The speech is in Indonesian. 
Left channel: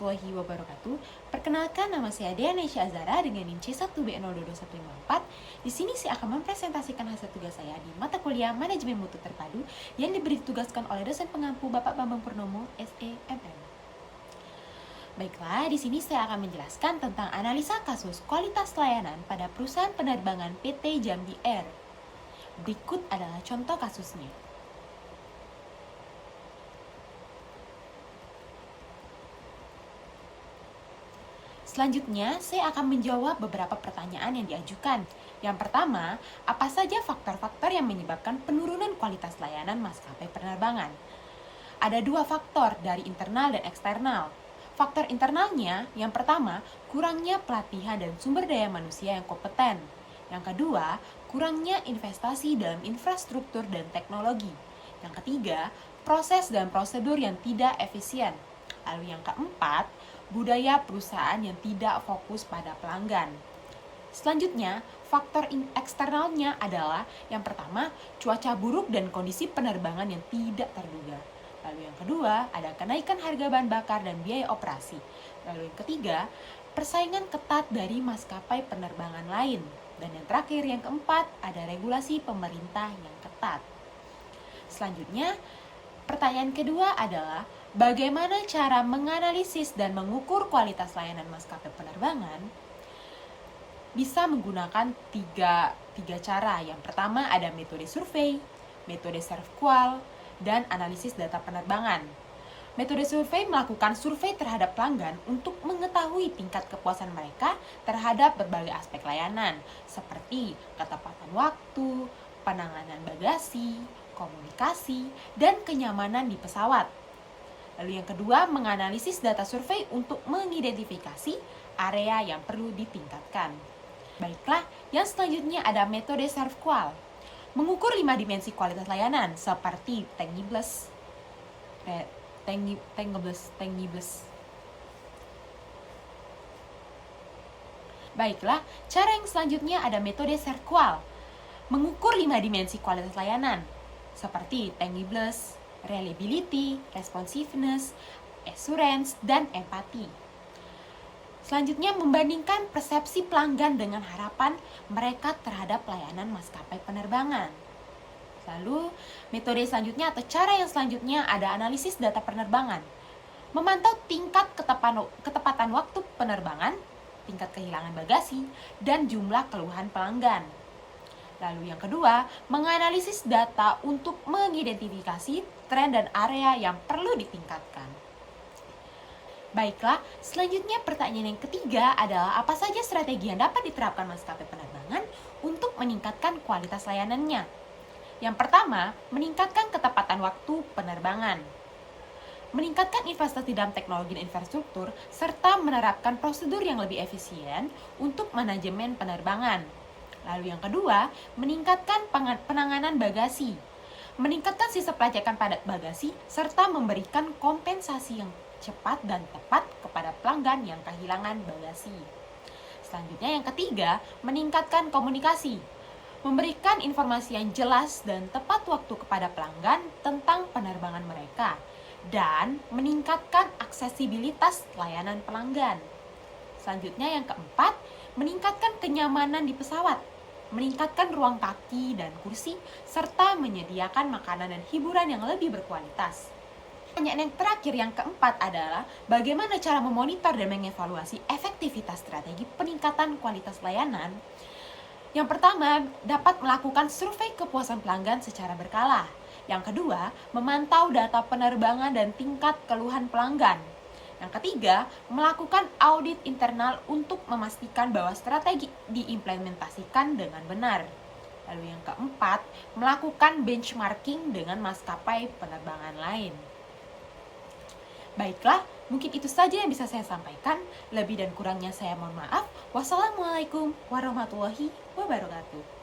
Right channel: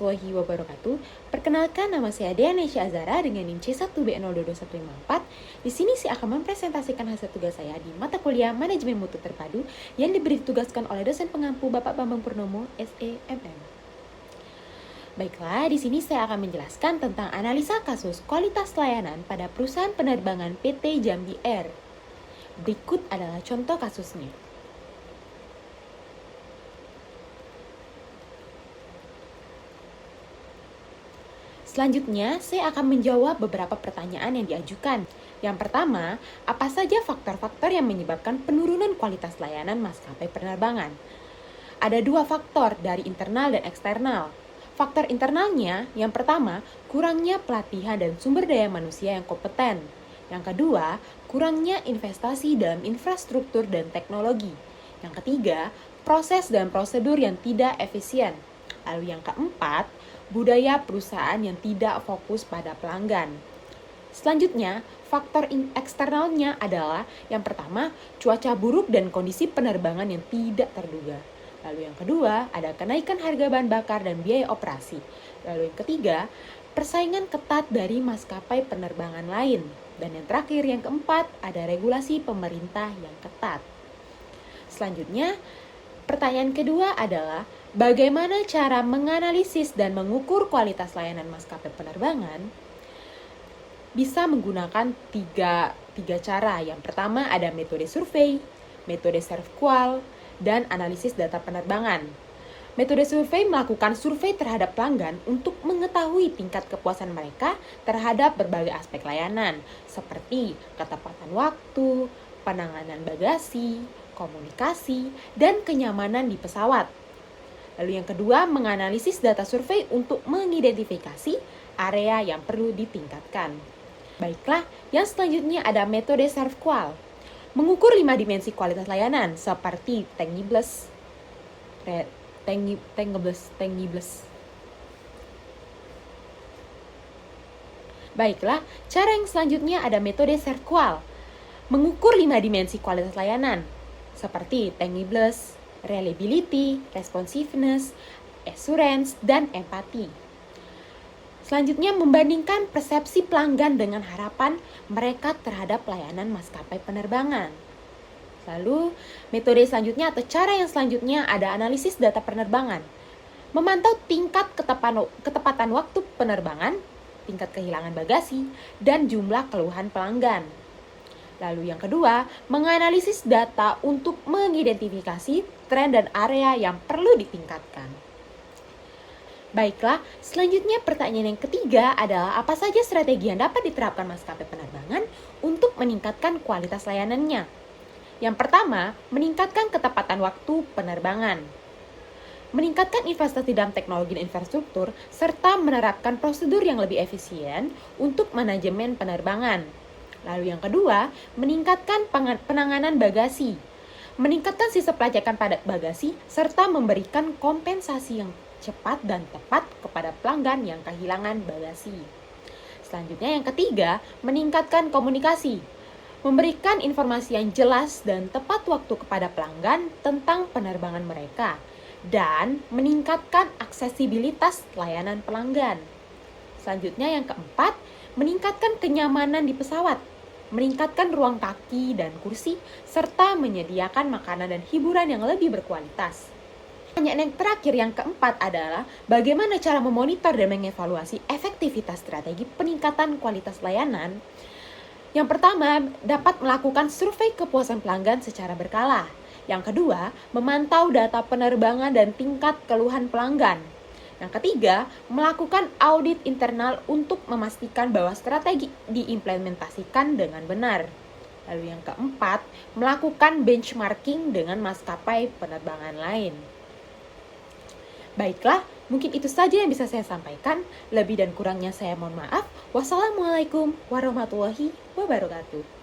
warahmatullahi wabarakatuh. Perkenalkan, nama saya Deanesha Azara dengan NIM C1B022154. Di sini saya akan mempresentasikan hasil tugas saya di mata kuliah Manajemen Mutu Terpadu yang diberi ditugaskan oleh dosen pengampu Bapak Bambang Purnomo, SEMM. Baiklah, di sini saya akan menjelaskan tentang analisa kasus kualitas layanan pada perusahaan penerbangan PT Jambi Air. Berikut adalah contoh kasusnya. Selanjutnya, saya akan menjawab beberapa pertanyaan yang diajukan. Yang pertama, apa saja faktor-faktor yang menyebabkan penurunan kualitas layanan maskapai penerbangan? Ada dua faktor dari internal dan eksternal. Faktor internalnya, yang pertama, kurangnya pelatihan dan sumber daya manusia yang kompeten. Yang kedua, kurangnya investasi dalam infrastruktur dan teknologi. Yang ketiga, proses dan prosedur yang tidak efisien. Lalu yang keempat, budaya perusahaan yang tidak fokus pada pelanggan. Selanjutnya, faktor eksternalnya adalah yang pertama, cuaca buruk dan kondisi penerbangan yang tidak terduga. Lalu yang kedua, ada kenaikan harga bahan bakar dan biaya operasi. Lalu yang ketiga, persaingan ketat dari maskapai penerbangan lain. Dan yang terakhir, yang keempat, ada regulasi pemerintah yang ketat. Selanjutnya, pertanyaan kedua adalah, bagaimana cara menganalisis dan mengukur kualitas layanan maskapai penerbangan? Bisa menggunakan tiga cara. Yang pertama ada metode survei, metode self-qual, dan analisis data penerbangan. Metode survei melakukan survei terhadap pelanggan untuk mengetahui tingkat kepuasan mereka terhadap berbagai aspek layanan, seperti ketepatan waktu, penanganan bagasi, komunikasi, dan kenyamanan di pesawat. Lalu yang kedua, menganalisis data survei untuk mengidentifikasi area yang perlu ditingkatkan. Baiklah, yang selanjutnya ada metode self-qual. Mengukur 5 dimensi kualitas layanan seperti tangibles. Baiklah, cara yang selanjutnya ada metode self-qual. Mengukur 5 dimensi kualitas layanan seperti tangibles, reliability, responsiveness, assurance, dan empati. Selanjutnya, membandingkan persepsi pelanggan dengan harapan mereka terhadap layanan maskapai penerbangan. Lalu, metode selanjutnya atau cara yang selanjutnya ada analisis data penerbangan. Memantau tingkat ketepatan waktu penerbangan, tingkat kehilangan bagasi, dan jumlah keluhan pelanggan. Lalu yang kedua, menganalisis data untuk mengidentifikasi tren dan area yang perlu ditingkatkan. Baiklah, selanjutnya pertanyaan yang ketiga adalah apa saja strategi yang dapat diterapkan maskapai penerbangan untuk meningkatkan kualitas layanannya. Yang pertama, meningkatkan ketepatan waktu penerbangan. Meningkatkan investasi dalam teknologi dan infrastruktur, serta menerapkan prosedur yang lebih efisien untuk manajemen penerbangan. Lalu yang kedua, meningkatkan penanganan bagasi. Meningkatkan sistem pelacakan pada bagasi, serta memberikan kompensasi yang cepat dan tepat kepada pelanggan yang kehilangan bagasi. Selanjutnya yang ketiga, meningkatkan komunikasi. Memberikan informasi yang jelas dan tepat waktu kepada pelanggan tentang penerbangan mereka. Dan meningkatkan aksesibilitas layanan pelanggan. Selanjutnya yang keempat, meningkatkan kenyamanan di pesawat. Meningkatkan ruang kaki dan kursi, serta menyediakan makanan dan hiburan yang lebih berkualitas. Pertanyaan yang terakhir yang keempat adalah bagaimana cara memonitor dan mengevaluasi efektivitas strategi peningkatan kualitas layanan. Yang pertama, dapat melakukan survei kepuasan pelanggan secara berkala. Yang kedua, memantau data penerbangan dan tingkat keluhan pelanggan. Yang ketiga, melakukan audit internal untuk memastikan bahwa strategi diimplementasikan dengan benar. Lalu yang keempat, melakukan benchmarking dengan maskapai penerbangan lain. Baiklah, mungkin itu saja yang bisa saya sampaikan. Lebih dan kurangnya saya mohon maaf. Wassalamualaikum warahmatullahi wabarakatuh.